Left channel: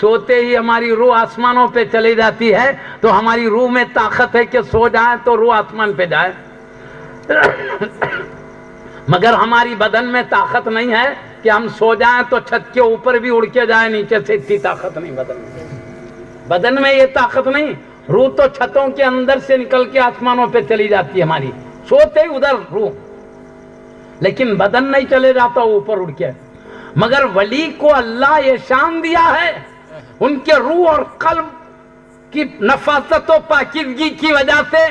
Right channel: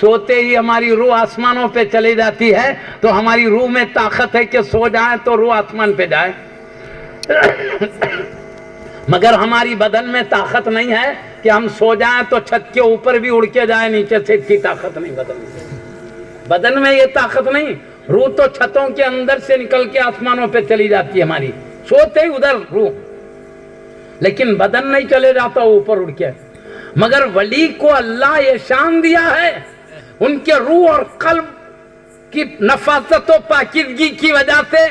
سوتے ہی ہماری روح آسمانوں پہ چلی جاتی ہے، تو ہماری روح میں طاقت ہے کہ سو جائیں تو روح آسمان پہ جائے، مگر ہماری بدن میں طاقت نہیں ہے کہ ہم سو جائیں تو چھت کے اوپر بھی اڑ کے جائیں، نیچے سے اتنی طاقت نہیں بدن میں یہ طاقت نہیں. روح تو چھتوں کے اندر سے نکل کے آسمانوں پہ چلی جاتی ہے ہماری، سوتے ہی ادھر روح، لیکن بدن نہیں چلے جاتا اوپر اڑ کے. مگر ولی کو اللہ یہ شان دیا ہے، ان کے روح اور قلب کی نفاست و پاکیزگی کی وجہ سے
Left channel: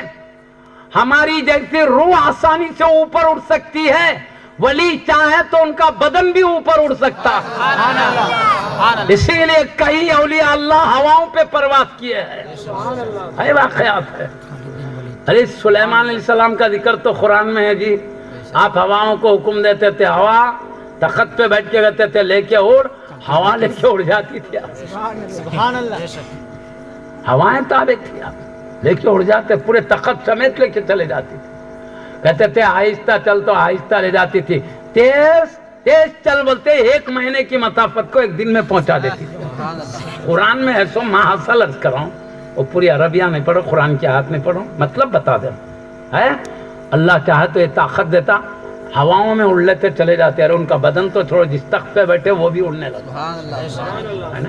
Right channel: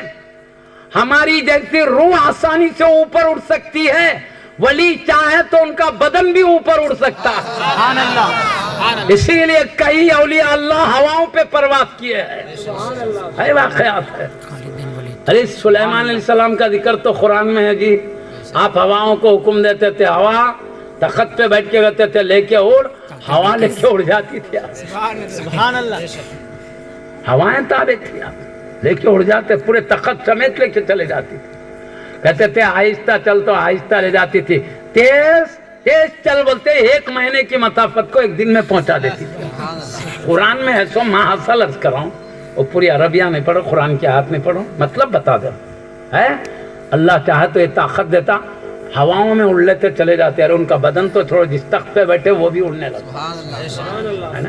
ہماری جیسی روح آسانی سے اوپر اڑ سکتی ہے، ولی چاہے تو ان کا بدن بھی اوپر اڑ سکتا ہے. اسی لیے کئی اولیاء اللہ ہواؤں پہ پرواز کیے ہیں، واقعات ہے. ارے سلیمان علیہ السلام کا ذکر تو قرآن میں ہے جی. آپ ہواؤں کو حکم دیتے تھے، ہوا تخت پہ بیٹھ کے کہتے تھے لے کے اڑ، ہوا لے کے اڑ جاتی تھی. ہوائیں تابع تھی، آپ لے کے اڑ جاتے، پورے تخت سمیت لے کے چلے جاتی تھی. کہتے تھے آہستہ چل تو آہستہ لے جاتی تھی، تیز تیز چل بولتے 1 مہینے کی مسافت کو 1 دن میں پہنچا دیتی تھی. قرآن میں ہے سو میں حاصل عرض کر رہا ہوں، وہ پوری عربیہ نہیں پڑھو، قرآن کی آیت نہیں پڑھو، مطلب بتا دے ہے. اللہ چاہے تو یہ طاقت دیتا، ہواؤں میں اڑ لیتے چلے جاتے، اور ان کا بدن تو چھوڑو، جس تخت پہ بیٹھے وہ بھی اڑنے لگا ہے نا.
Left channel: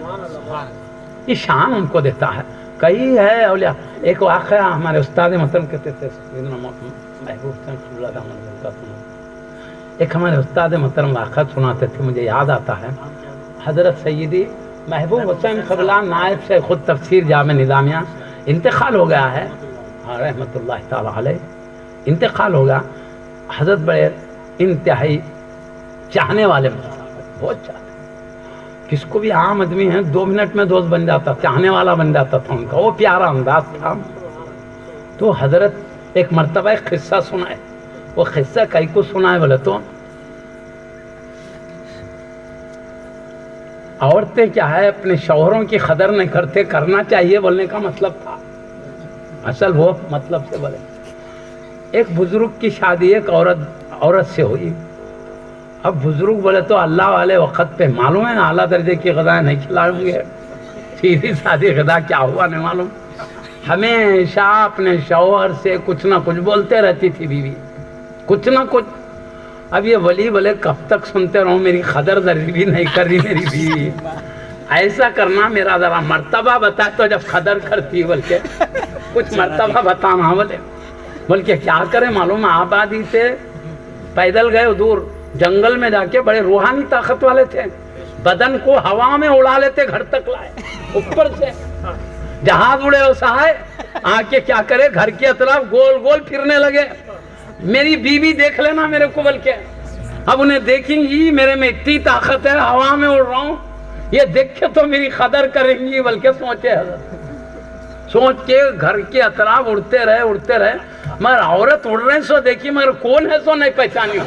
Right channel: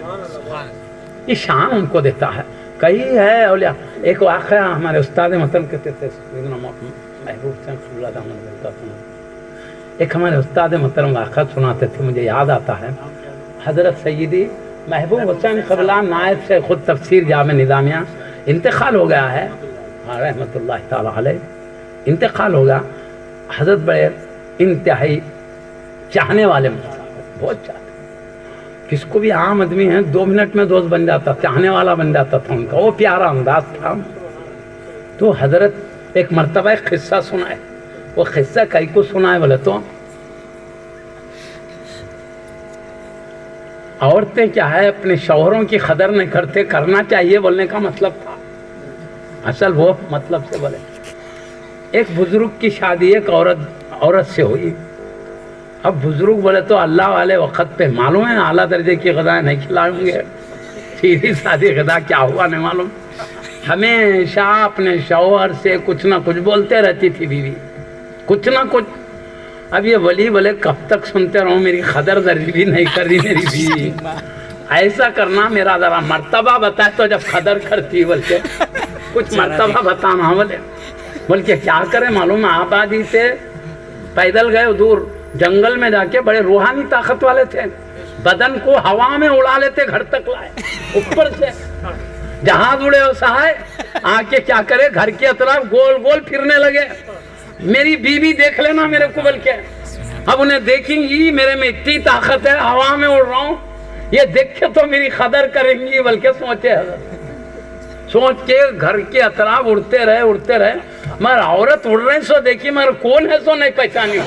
یہ شان ان کو دیتا ہے. کئی ہے اولیاء. ایک واقعہ ہمارے استاد محترم کہتے تھے، محبوب صلی اللہ علیہ وسلم، ایک ہمارے استاد محترم واقعہ سناتے تھے، مجھے یاد آتا ہے. حضرت سیدی محبوب حسین قبلہ نائب سے خود تفسیر جامع نظامیہ انتقال ہو گیا ہے رحمۃ اللہ تعالی علیہ، انتقال ہو گیا. حضرت بڑے انتہائی چاہنے والے، بہت چاہتے، کس کو بھی عام آدمی ہے 2 منٹ میں دوست بن جاتا، چاہنے والا بن جاتا تھا ان کا، وہ پیارا انداز تھا. تو حضرت ایک مرتبہ ایک قصہ سنائے. وہ قصہ کئی کو سنائے بولے تو عورتیں کیا ہے اپنے شوہروں کی قدر نہیں کرتے، کرنا چاہیے بولنے کا مطلب تھا، اصل وہ مطلب سے بولے. ایک بزرگ کی شادی ایک عورت سے ہوئی. اب بزرگ بولے تو اللہ والے وقت پہ معلوم ہے اعلیٰ درجے کی غذا نہیں کھلائیں گے، سیدھی سادی غذا کیا ہوا نہیں معلوم. ہمیشہ اپنے شوہر سے کچھ نہ کچھ بولتے رہتی تھی بیوی، کچھ نہ کچھ. اب یہ ولی بولے کب تک سنتے رہوں، میری قدر درجی بھی نہیں کر رہی میری بیوی، ایسا کرنا میرا ذرا مرتبہ بتا. تو جب قدر کرتی بول کے کچھ مرتبہ بتانا، بول کے کیا کرے معلوم، آبادی سے پیدل گئے دور جنگل میں جا کے، بڑے روحانی طاقت والے تھے، بدن کو ہوا میں اڑا لیتے، گھر تک لائے اوپر سے جہاز اڑے ہو سہائے. آ کے کیا کرے گھر کے اطراف گول گول پھرنے لگے، میری بیوی دیکھ لینا میرے کو بول کے. اب انہیں دیکھیں گی میرے میں اتنی طاقت ہے، ہوا میں اڑ رہا ہوں، یہ دیکھ کے تو میری قدر کریں گی بلکہ سوچے حضرت. سوچ کے گھر کے اطراف اڑتے رہے، مگر عورت اڑ رہے سو دیکھی، مگر کون ہے سو نہیں پہچانی،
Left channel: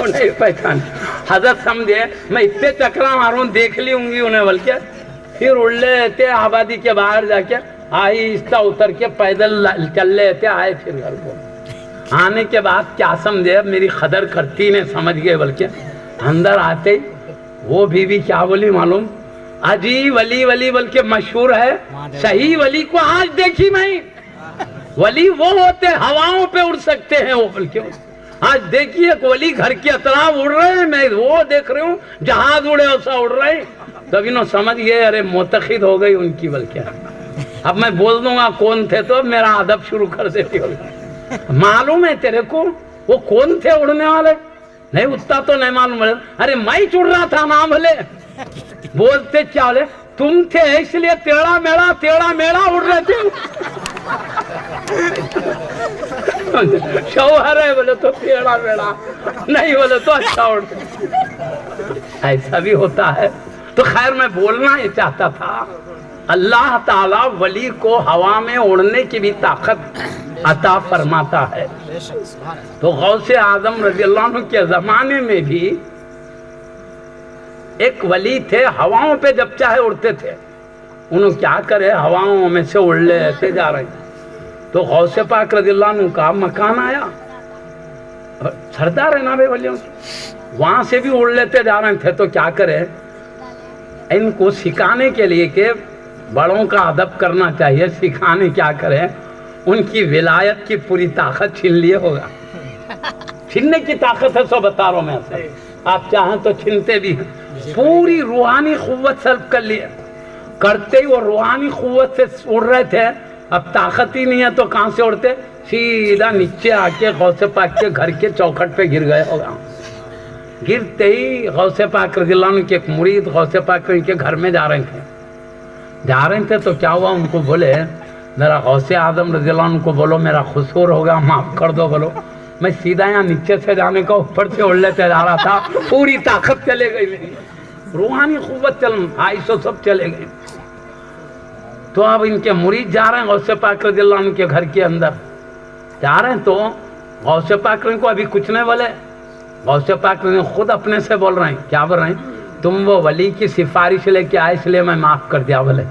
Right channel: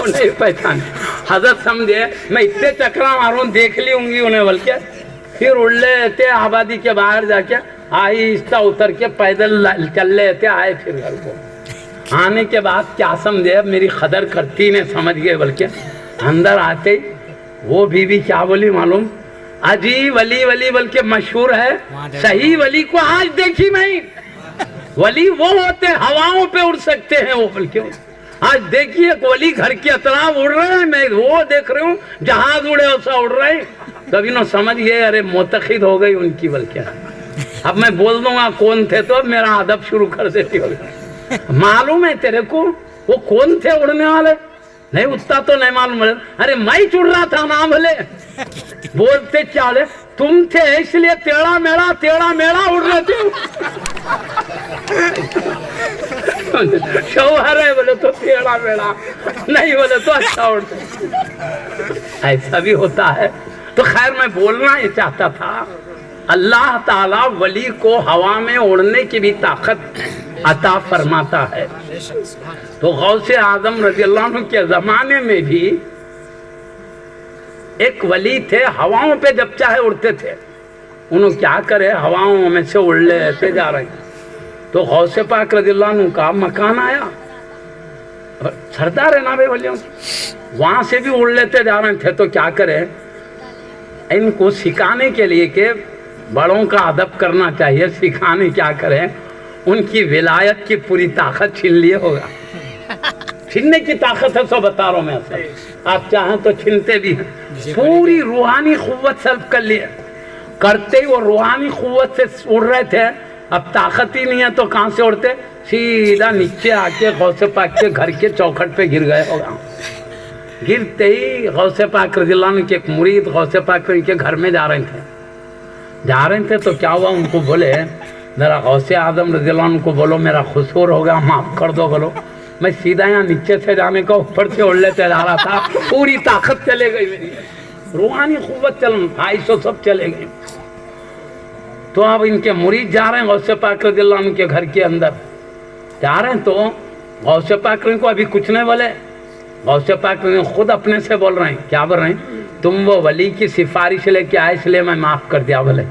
نہیں پہچانی. حضرت سمجھے میں اتنے چکرا ماروں دیکھ لی ہوں گی انہیں بلکہ. پھر اڑ لیتے آبادی کے باہر جا کے، آہستہ اتر کے پیدل چل لیتے آئے. پھر گھر کو آنے کے بعد کیا سمجھے اب میری قدر کرتی نہیں سمجھ گئے بلکہ. اندر آتے وہ بیوی کیا بولی معلوم، اجی ولی بلکہ مشہور ہے، صحیح ولی کو آج دیکھی میں. ولی وہ ہوتے ہواؤں پہ اڑ سکتے ہیں، وہ بلکہ آج دیکھیے ولی گھر کے اطراف اڑ رہے ہیں، میں وہ دیکھ رہی ہوں جہاز اڑے ویسا اڑ رہے ہیں. تب انہوں سمجھ گئے ارے معتقد ہو گئی ان کی بلکہ. اب میں بول دوں گا کون تھے تو اب میرا ادب شروع کر دیتی ہوگی. معلوم ہے تیرے کو وہ کون تھے اڑنے والے؟ نہیں اتنا تو نہیں معلوم. ارے میں چڑ رہا تھا نا بھلے. بولتے چالے تم تھے اس لیے تیڑا میڑا اڑ رہے تھے. شوہر ہے بولے تو تیڑا میڑا نہیں، بولے تو اچھا اڑتے. ایسا بھی ہوتا ہے. تو خیر میں بولنا یہ چاہتا تھا، اللہ تعالیٰ ولی کو ہوا میں اڑنے کی بھی طاقت عطا فرماتا ہے. تو غوث اعظم رضی اللہ عنہ کے زمانے میں بھی ایک ولی تھے، ہواؤں پہ جب چاہے اڑتے تھے. انہوں کیا کرے ہواؤں میں سے اڑ لیتے جا رہے ہیں. تو غوث پاک رضی اللہ عنہ کا مکان آیا، سردار ہے نا بھائی ولیوں، وہاں سے بھی اڑ لیتے جا رہے تھے. تو کیا کرے ان کو سکھانے کے لیے کہ بڑوں کا ادب کرنا چاہیے، سکھانے کیا کریں، ان کی ولایت کی پوری طاقت چھین لیے ہوگا. چھیننے کی طاقت ہے، سو بتا رہا ہوں میں اصل. آپ چاہیں تو چھینتے بھی ہیں. پوری روحانی قوت سلب کر لیے، کرتے ہی وہ روحانی قوت سے اڑ رہے تھے. اب طاقت ہی نہیں ہے تو کہاں سے اڑتے؟ سیدھا نیچے آ کے غوث پاک کے گھر کے چوکھٹ پہ گر گئے ہوگا. گرتے ہی غوث پاک رضی اللہ عنہ کے ایک مرید غوث پاک کے گھر میں جا رہے تھے تو کیا ہوا؟ ان کو بولے ذرا غوث اعظم رضی اللہ عنہ کو بولو میرا قصور ہو گیا، معاف کر دو. بولو میں سیدھا یہاں نیچے سے جانے کا اوپر سے اڑ لیتے جا رہا تھا، پوری طاقت چلے گئی میری، روحانی قوت چل 250 سب چلے گئے. تو اب ان کے مرید جا رہے ہیں غوث پاک رضی اللہ عنہ کے گھر کے اندر جا رہے ہیں. تو غوث پاک کو ابھی کچھ نہیں بولے، غوث پاک خود اپنے سے بول رہے ہیں. کیا بول رہے ہیں؟ تم وہ ولی کی سفارش لے کے آئے اس لیے میں معاف کر دیا. بولے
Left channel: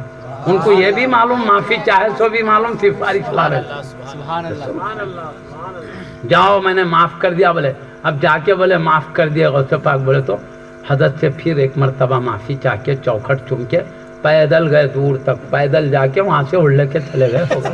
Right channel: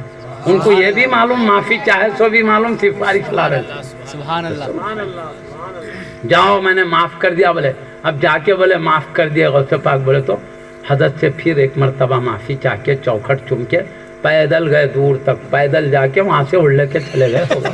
ان کو یہ بھی معلوم، معافی چاہے سو بھی معلوم، سفارش لا رہے. سبحان اللہ. جاؤ میں نے معاف کر دیا. بولے اب جا کے بولے معاف کر دیا غوث پاک. بولے تو حضرت سے پھر ایک مرتبہ معافی چاہ کے چوکھٹ چوم کے پیدل گئے دور تک، پیدل جا کے وہاں سے اڑ لے کے چلے گئے ہوگا.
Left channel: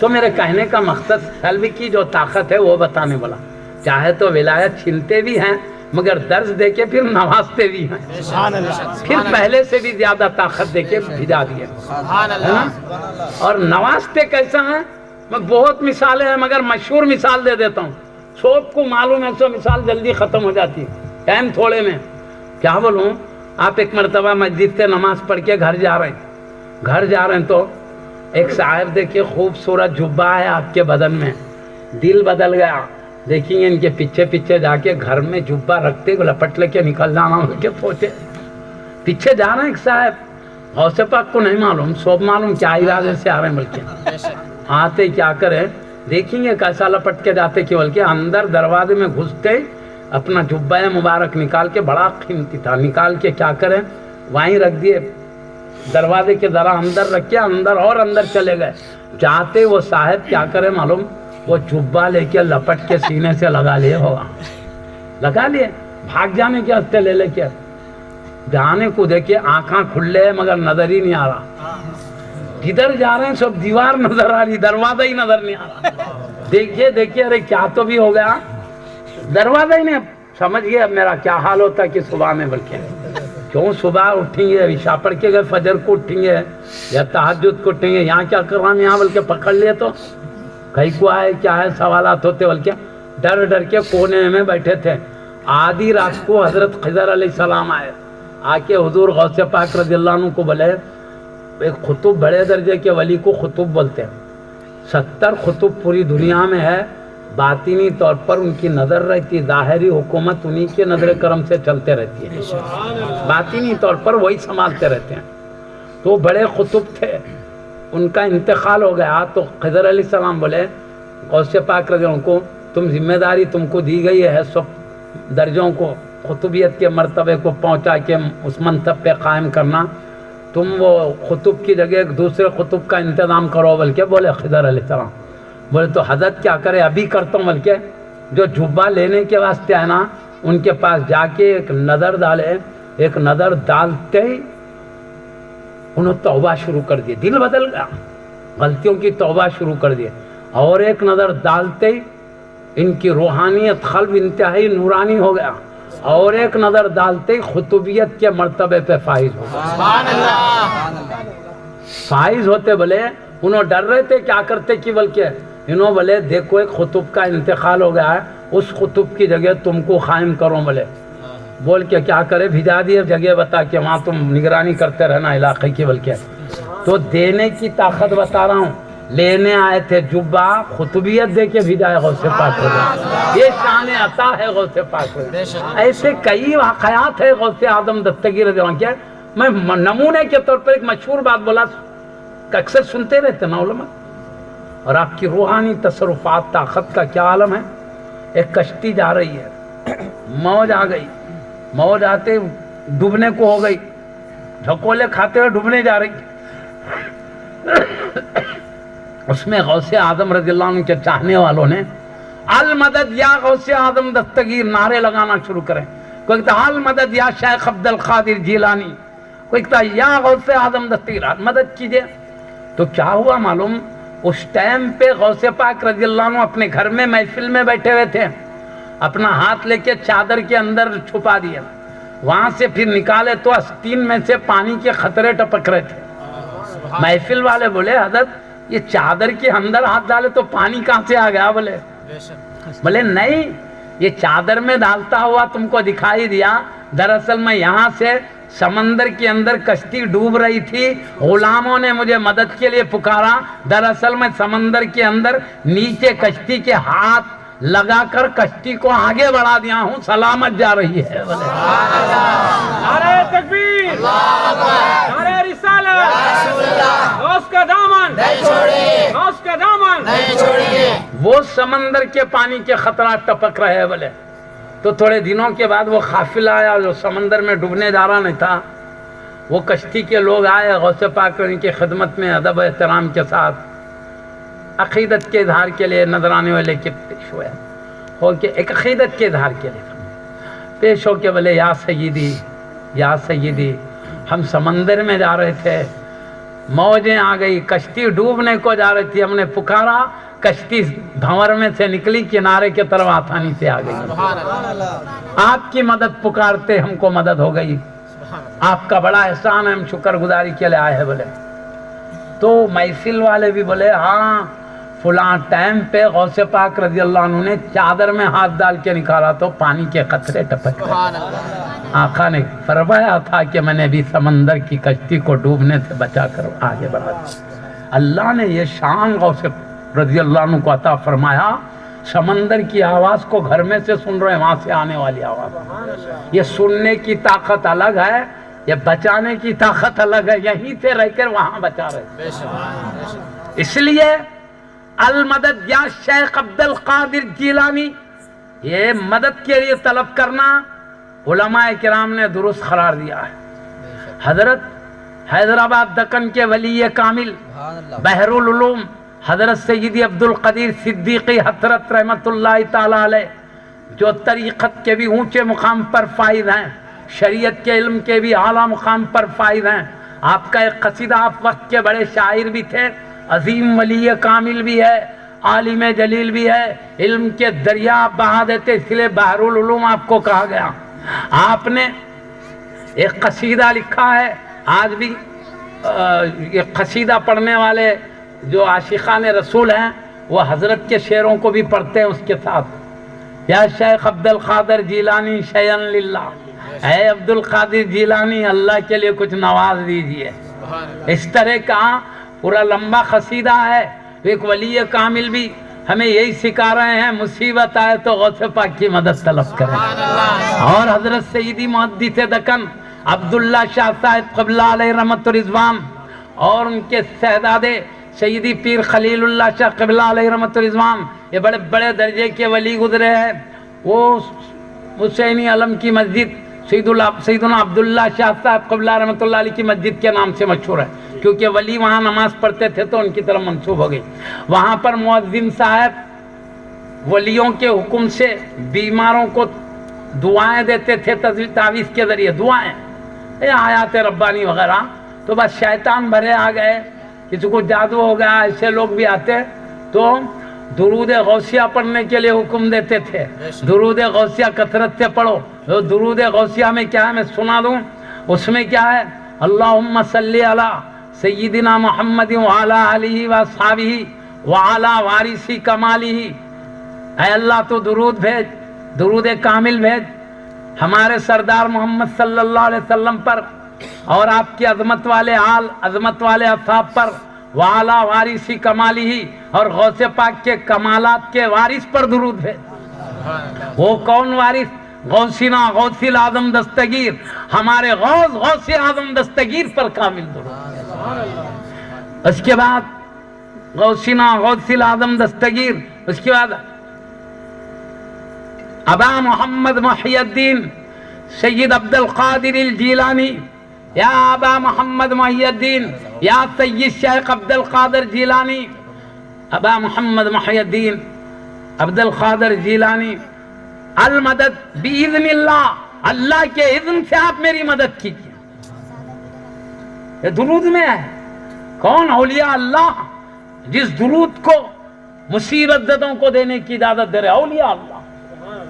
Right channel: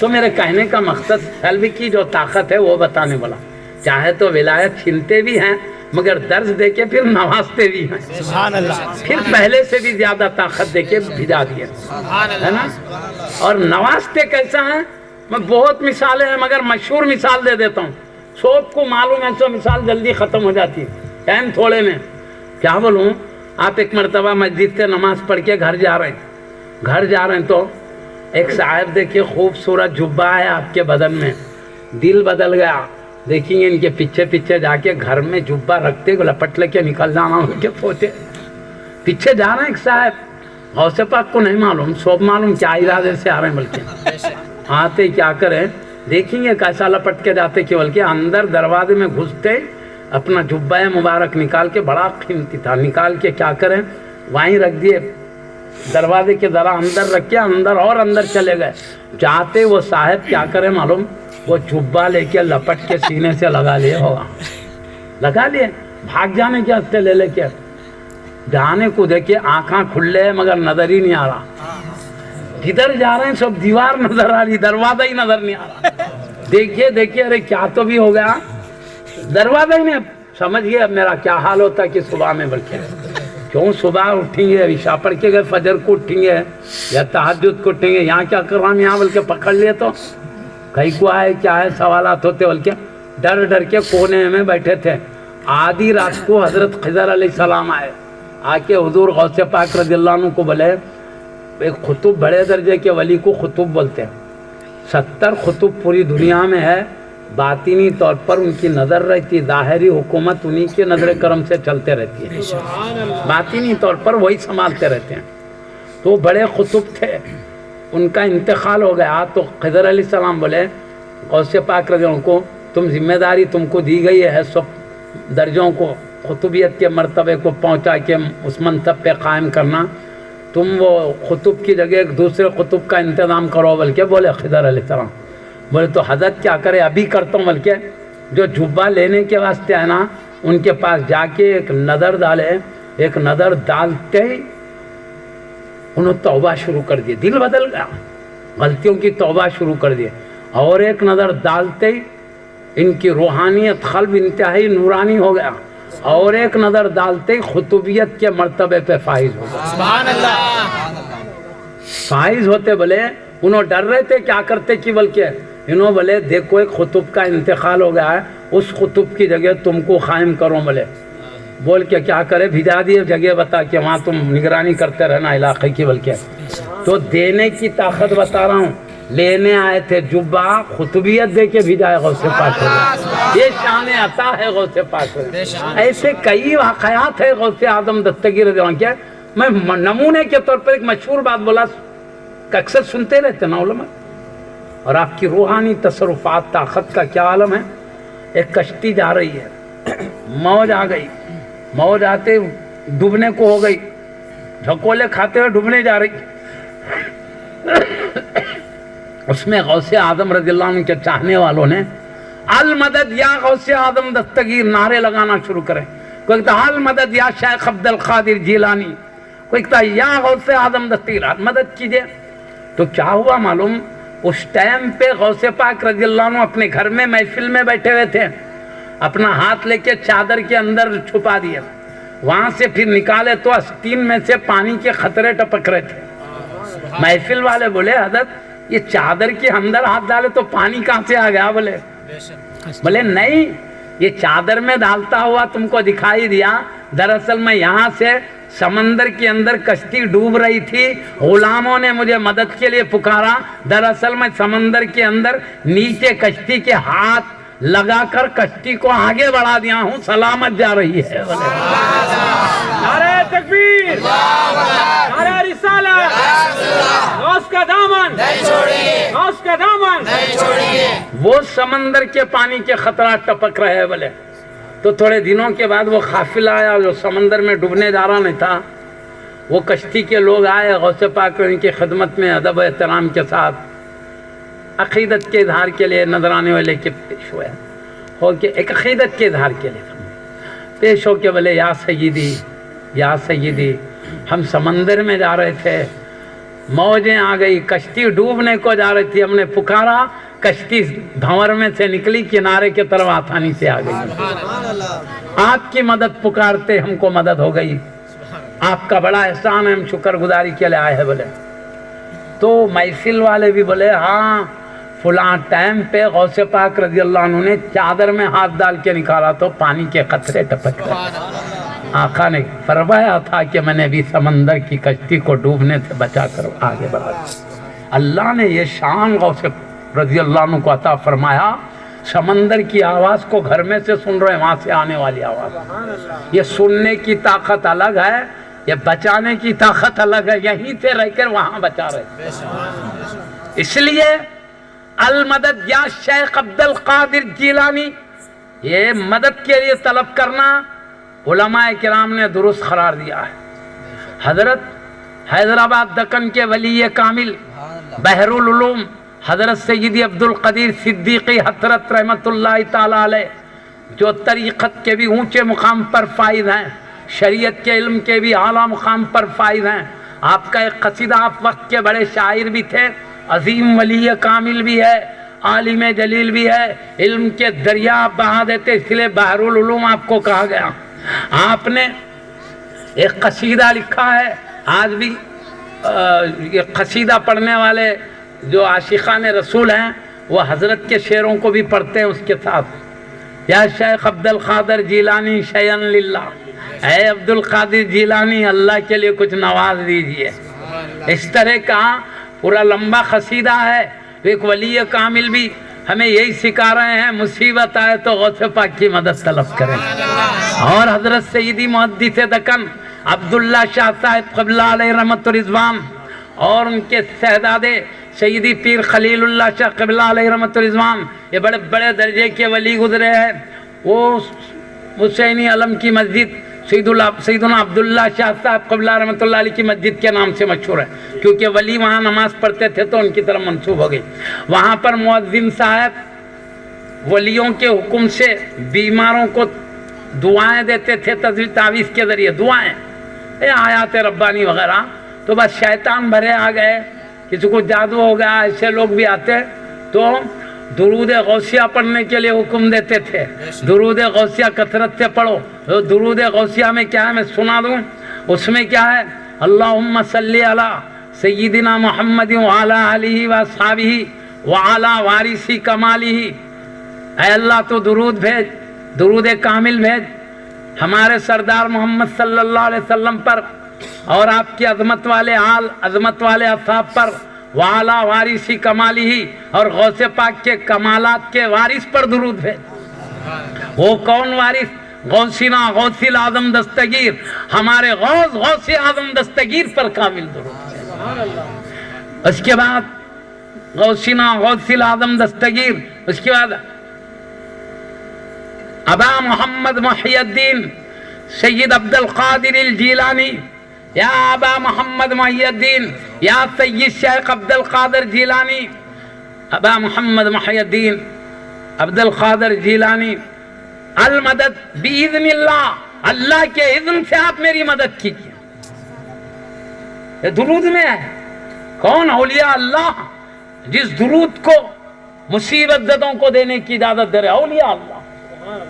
تو میرے کہنے کا مقصد سلب کی جو طاقت ہے وہ بتانے والا. چاہے تو ولایت چھینتے بھی ہیں مگر درس دے کے پھر نوازتے بھی ہیں. سبحان اللہ. پھر پہلے سے بھی زیادہ طاقت دے کے بھجا دیے. سبحان ہے نا؟ اور نوازتے کیسا ہیں؟ میں بہت مثالیں ہیں مگر مشہور مثال دے دیتا ہوں. سب کو معلوم ہے، سو مثال جلدی ختم ہو جاتی ہے ٹائم تھوڑے میں. کیا بولوں؟ آپ ایک مرتبہ مسجد سے نماز پڑھ کے گھر جا رہے ہیں تو ایک صاحب دیکھیے خوبصورت جبہ ہے آپ کے بدن میں، دل بدل گیا. دیکھیں گے ان کے پیچھے پیچھے جا کے گھر میں جبہ رکھتے لپٹ لے کے نکل جانا ان کے پوتے. پیچھے جا رہے ہیں ایک صاحب، غوث پاک کو نہیں معلوم، سب معلوم کیا ارادے سے آ رہے ہیں. بلکہ آتے کیا کریں دیکھیں گے کیسا لپٹ کے جاتے کہ بلکہ اندر دروازے میں گھستے اپنا جبہ مبارک نکال کے، بڑا قیمتی تھا، نکال کے کیا کریں وہیں رکھ دیے، دروازے کے ذرا اندر رکھ کے اندر اور اندر چلے گئے. جاتے وہ صاحب کیا کریں معلوم؟ وہ جبہ لے کے لپٹ کے سینے سے لگا لیے ہوگا، لگا لیے. بھاگ جانے کے ہستے لے کے جانے کو دیکھے آنکھاں کھلے ہیں مگر نظر ہی نہیں آ رہا. کدھر جا رہے ہیں؟ سب دیوار نظر آ رہی، دروازہ ہی نظر نہیں آ رہا. دیکھیے ارے کیا تو بھی ہو گیا، دروازہ ہی نہیں. سمجھ گئے اب میرا کیا حال ہوتا ہے کہ صبح میں بلکہ کیوں صبح اٹھیں گے، عشاء پڑھ کے گئے، فجر کو اٹھیں گے یا تہجد کو اٹھیں گے، یہاں کیا کر رہا ہوں یہاں بلکہ پکڑ لیے تو کہیں کو آئے کیا ہے سوالات ہوتے، بلکہ ڈر کے کونے میں بیٹھے تھے. آدھی رات کو حضرت خضر علیہ السلام آئے، آ کے حضور غوث پاک رضی اللہ عنہ کو بولے. ایک خطب بڑے درجے کے ولی کو خطب بولتے ہیں. 70 خطب پوری دنیا میں ہے. باطنی طور پر ان کی نظر رہتی، ظاہری حکومت انہی کے نظر کرم سے چلتے رہتی ہے، باطنی طور پر وہی سنبھالتے رہتے ہیں. تو بڑے خطب تھے، ان کا انتقال ہو گیا. تو خضر علیہ السلام بولے غوث پاک رضی اللہ عنہ کو تم ذمہ داری تم کو دی گئی ہے سب درجوں کو، خطوبیت کے مرتبے کو پہنچا کے اس منصب پہ قائم کرنا. تم وہ خطب کی جگہ ایک دوسرے خطب کا انتظام کرو. بلکہ بولے خضر علیہ السلام بولے تو حضرت کیا کرے ابھی کرتا ہوں. بلکہ جو جبہ لینے کے واسطے ہے نا ان کے پاس جا کے ایک نظر ڈالے. ایک نظر ڈالتے ہی انہوں توبہ شروع کر دی، دل بدل گیا، غلطیوں کی توبہ شروع کر دی. اور ایک نظر ڈالتے ہی ان کی روحانیت قلب انتہائی نورانی ہو گیا. اور ایک نظر ڈالتے ہی خطوبیت کے مرتبے پہ فائز ہو گیا. سبحان اللہ. فائز ہوتے بولے انہوں ڈر رہے تھے کیا کرتے کہ بلکہ انہوں بولے دیکھو ایک خطب کا انتقال ہو گیا ہے، اس خطب کی جگہ تم کو قائم کرو. بولے بول کے کیا کرے بھیجا دیے جگہ بتا کے وہاں تم نگرانی کرتے رہنا علاقے کی. بلکہ تو دینے کی طاقت بتا رہا ہوں. لینے آئے تھے جبہ، خطبیت دے کے بھیجائے غوث پاک. یہ شان عطا ہے غوث پاک. ایسے کئی واقعات ہے غوث اعظم دستگیر رضی اللہ عنہ کے. میں نمونے کے طور پر ایک مشہور بات بولا کہ اکثر سنتے رہتے نا علماء. اور آپ کی روحانی تصرفات طاقت کا کیا عالم ہے. ایک کشتی جا رہی ہے، موج آ گئی، موج آتے ڈوبنے کو ہو گئی، جھکولے کھاتے ہوئے ڈوبنے جا رہی. اس میں غوث اعظم رضی اللہ عنہ کے چاہنے والوں نے المدد یا غوث اعظم دستگیر نعرے لگانا شروع کرے. کہتے المدد یا شیخ عبد القادر جیلانی، کوئی کہتا یا غوث اعظم دستگیر مدد کیجئے. تو کیا ہوا معلوم، اس ٹائم پہ غوث پاک رضی اللہ عنہ اپنے گھر میں محفل میں بیٹھے ہوئے تھے، اپنا ہاتھ لے کے چادر کے اندر چھپا دیا، وہاں سے پھر نکالے تو آستین میں سے پانی کے قطرے ٹپک رہے تھے. محفل والے بولے حضرت یہ چادر کے اندر ہاتھ ڈالے تو پانی کہاں سے آ گیا؟ بولے نہیں، یہ چادر میں ڈالتا ہوا تم کو دکھائی دیا، دراصل میں یہاں سے سمندر کے اندر کشتی ڈوب رہی تھی، غلاموں نے مجھے مدد کے لیے پکارا، دراصل میں سمندر کے اندر نیچے کشتی کے ہاتھ لگا کر کشتی کو آگے بڑھا دیا ہوں، سلامت جا رہی ہے. نعرہ تکبیر، نعرہ رسالت، غوث کا دامن، غوث کا دامن. وہ سمندر کے پانی کے خطرات ٹپک رہے ہیں بولے. تو تھوڑے دنوں کے بعد وہ قافلہ آیا جو سمندر میں ڈوبنے جا رہا نہیں تھا، وہ کشتی کے لوگ آئے غوث پاک ان کی خدمت میں ادب و احترام کے ساتھ عقیدت کے اظہار کے لیے نذرانے والے کے پیش ہوئے، ہو کے ایک عقیدت کے اظہار کے لیے پیش ہو کے بولے یا سیدی یا سیدی، ہم سمندر میں جا رہے تھے، موجیں آ گئی، کشتی ڈوبنے کو جا رہی تھی، ہم نے پکارا، کشتی بھنور میں سے نکلی، کنارے کی طرف آسانی سے آ گئی. آپ کی مدد پکارتے ہم کو مدد ہو گئی، آپ کا بڑا احسان ہے، ہم شکر گزاری کے لیے آئے ہیں بولے. تو محفل والے بھی بولے ہاں فلاں ٹائم پہ غوث پاک رضی اللہ عنہ نے چادر میں ہاتھ ڈال کے نکالا تو پانی کے قطرے ٹپک گئے. آقا نے فرمایا تھا کہ میں نے بھی سمندر کی کشتی کو ڈوبنے سے بچا کر آگے بڑھا. اللہ نے یہ شان غوث رضی اللہ عنہ کو عطا فرمایا، سمندر کی آواز کو گھر میں سے سن رہے ہیں، وہاں سے آنے والی آواز، یہ سننے کی طاقت الگ ہے، یہ بچانے کی طاقت الگ ہے، یہیں سے رہ کر وہاں بچا رہے. اس لیے المدد یا شیخ عبد القادر جیلانی، یہ مدد کے لیے طلب کرنا علماء کرام نے درست قرار دیا ہے. حضرت حیدرآباد دکن کے ولی کامل بحر العلوم حضرت سیدی عبد القدیر صدیقی حضرت رحمت اللہ تعالی علیہ، جو طریقت کے بھی اونچے مقام پر فائز ہیں، شریعت کے علم کے بھی اعلیٰ مقام پر فائز ہیں. آپ کا ایک قصیدہ، آپ وقت کے بڑے شاعر بھی تھے، عظیم ولی کامل بھی ہے، عالم جلیل بھی ہے، علم کے دریا بہا دیتے، اس لیے بحر العلوم آپ کو کہا گیا. آپ نے ایک قصیدہ لکھا ہے، آج بھی یہ قصیدہ پڑھنے والے جو عاشقان رسول ہیں وہ حضرت کے شعروں کو بھی پڑھتے ہیں اس کے ساتھ. یا شیخ عبد القادر جیلانی شیئن للہ، اے عبد القادر جیلانی اللہ کے لیے کچھ نواز دیجئے. اس طرح کا پورا لمبا قصیدہ ہے. ایک ولی کامل بھی ہمیں یہی سکھا رہے ہیں، مصیبت آئے تو غوث پاک کی مدد طلب کریں. اور حضرت سیدی محدث دکن عبداللہ شاہ صاحب قبلہ علیہ رحمت رضوان اور ان کے شہزادے سیدی پیر خلیل اللہ شاہ قبلہ علیہ رحمت رضوان، یہ بڑے بڑے درجے کے ولی گزرے ہیں. وہ حسینی علم کی مسجد سیدنا عبداللہ شاہ صاحب قبلہ رحمت اللہ علیہ کی مسجد کے نام سے مشہور ہے، کیونکہ ولی وہاں نماز پڑھتے تھے تو ان کی طرف منسوب ہو گئی. وہاں پر مؤذن صاحب ولیوں کے حکم سے بیماروں کو دعائیں دیتے تھے، تعویذ کے ذریعے دعائیں، آیات ربانی وغیرہ. تو بس شیطان بھرے آ گئے، کسی کو جادو ہو گیا، ایسے لوگ بھی آتے تو درود غوثیہ پڑھنے کے لیے حکم دیتے تھے. درود غوثیہ کثرت سے پڑھو. درود غوثیہ میں کیا ہے میں سنا دوں، اس میں کیا ہے، اللہم صلی علی سیدنا محمد وعلی آلہ واصحابہ وعلی وارثی کمالہ. اے اللہ تو درود بھیج، درود کامل بھیج ہمارے سردار محمد صلی اللہ علیہ وسلم پر اور آپ کی عظمت والے آل، عظمت والے اصحاب پر، وعلی وارثی کمالہ، اور غوث پاک کے کمالات کے وارث پر درود بھیج. وہ کون وارث؟ غوثنا غوث اعظم دستگیر، ہمارے غوث غوث اعظم دستگیر پر کامل درود. اس کے بعد غوثنا غوث اعظم دستگیر، اس کے بعد ابا محمد محی الدین سید عبد القادر الجیلانی، یا ابا محمد محی الدین، یا سید شیخ عبد القادر جیلانی. ابا محمد محی الدین عبد القادر جیلانی، المدد باذن اللہ، اللہ کے اذن سے آپ میری مدد کیجیے. یہ درود میں ہے. کون؟ اولیاء اللہ، جس درود کو مصیبت زدوں کو دینے کی اجازت دے رہے اولیاء اللہ.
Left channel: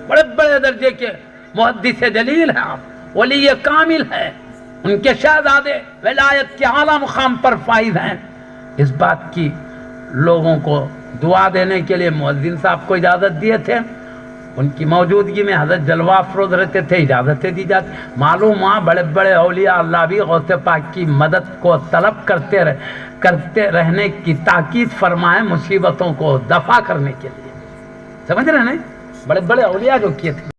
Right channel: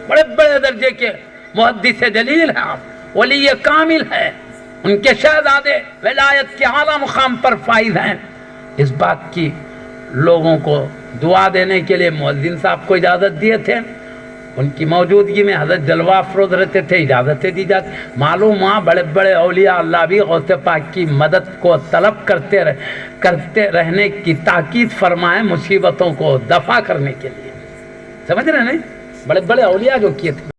بڑے بڑے درجے کے محدث جلیل ہیں آپ، ولی کامل ہے، ان کے شہزادے ولایت کے اعلیٰ مقام پر فائز ہیں. اس بات کی لوگوں کو دعا دینے کے لیے مؤذن صاحب کو اجازت دیے تھے. ان کی موجودگی میں حضرت جلوہ افروز رہتے تھے، اجازتیں دی جاتی. معلوم ہوا بڑے بڑے اولیاء اللہ بھی غوث پاک کی مدد کو طلب کرتے رہنے کی تاکید فرمائے، مصیبتوں کو دفع کرنے کے لیے. سمجھ رہے ہیں نہیں؟ بڑے بڑے اولیاء جو کیے تھے.